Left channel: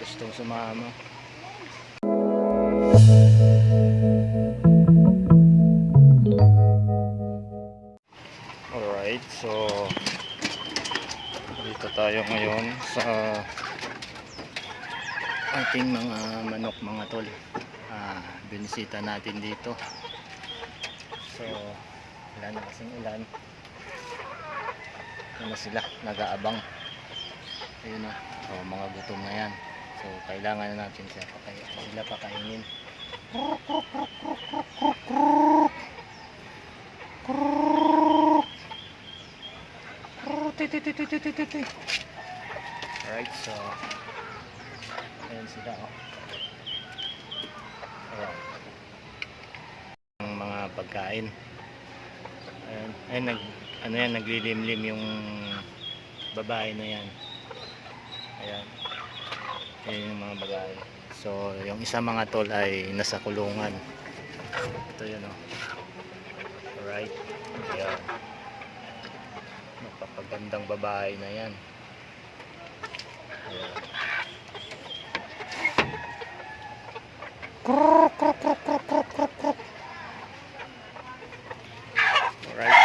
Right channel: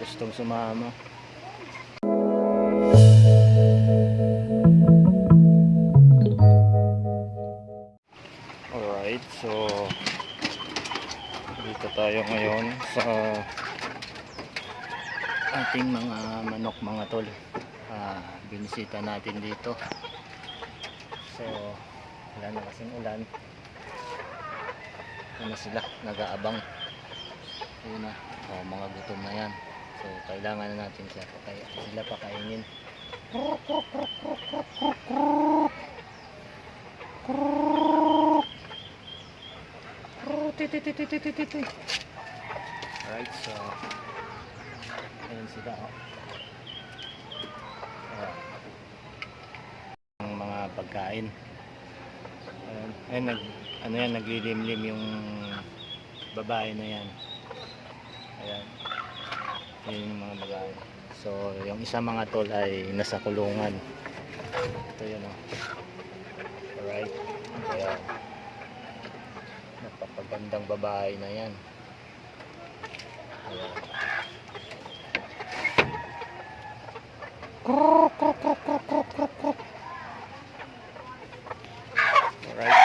Gustong sumama. Alright, so dito tayo ngayon sa ating mga manok mga tol. Ah, binisita natin dito. So, wala na kasing ulan. Ano sila, nag-aabang. Ayun na, oh, mga gutom na yan. So, kailangan na natin siya pakay sila pakainin. Alright, so ayun sila oh. Ayan. Ang mga pagkain. Ayan, ayun nag ano yan naglilimlim yung babae na yan. Ayan. Ayan yung mga babae. So, yung isa mga tol ay nasa kulungan. Ito yun oh. Alright. Ayan. Napapagandang babae na yan. Ayan. Alright.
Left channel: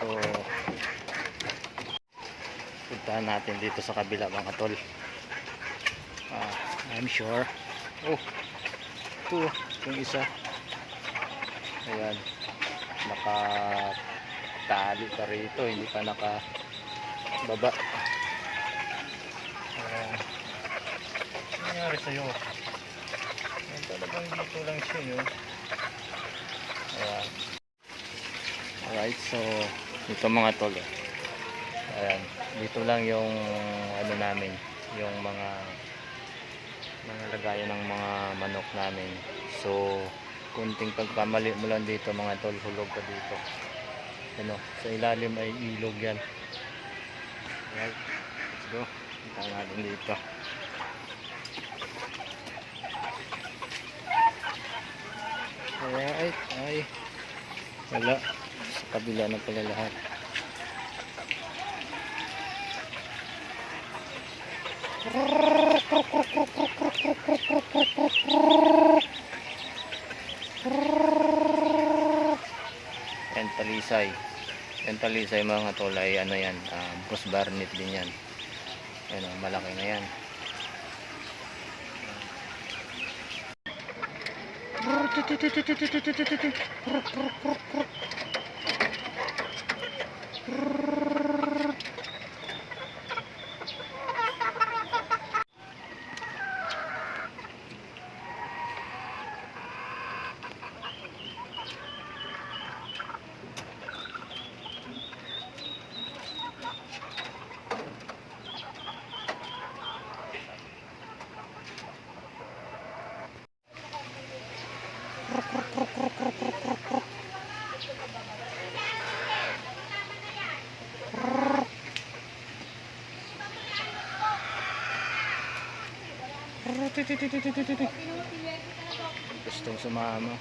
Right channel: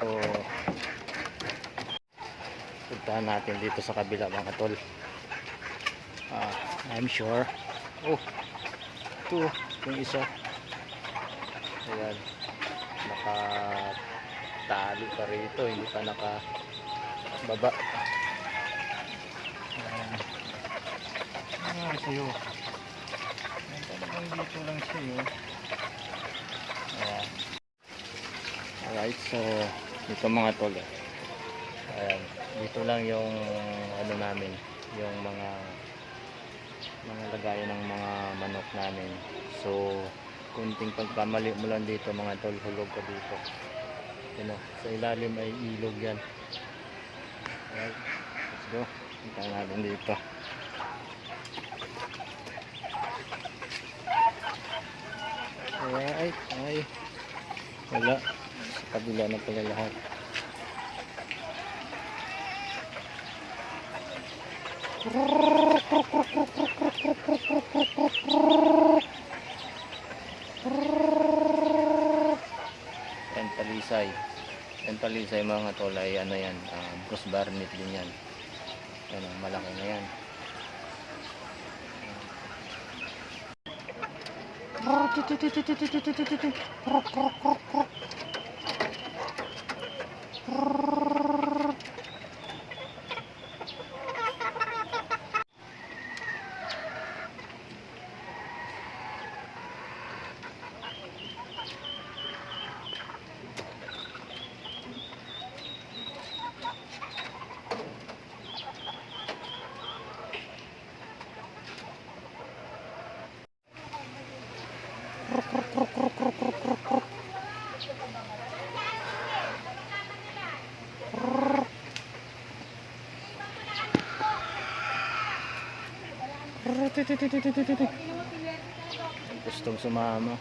So, puntahan natin dito sa kabila mga tol. Ah, I'm sure. Oh, ito, yung isa. Ayan. Nakatali pa rito, hindi pa nakababa. Ayan. Ano nangyari sa'yo? Ayan, talagang dito lang siya yun. Ayan. Alright, so dito mga tol. eh. Ayan, dito lang yung ano namin, yung mga mga lagayan ng mga manok namin. So, kunting pagkamali mo lang dito mga tol, hulog ka dito. Ano, sa ilalim ay ilog yan. Alright, let's go. Punta natin dito. Alright, ay wala. Sa kabila na pala lahat. Yan talisay. Yan talisay mga tolay. Ano yan? Um, cross barnet din yan. Yan ang malaki na yan. Gustong sumama.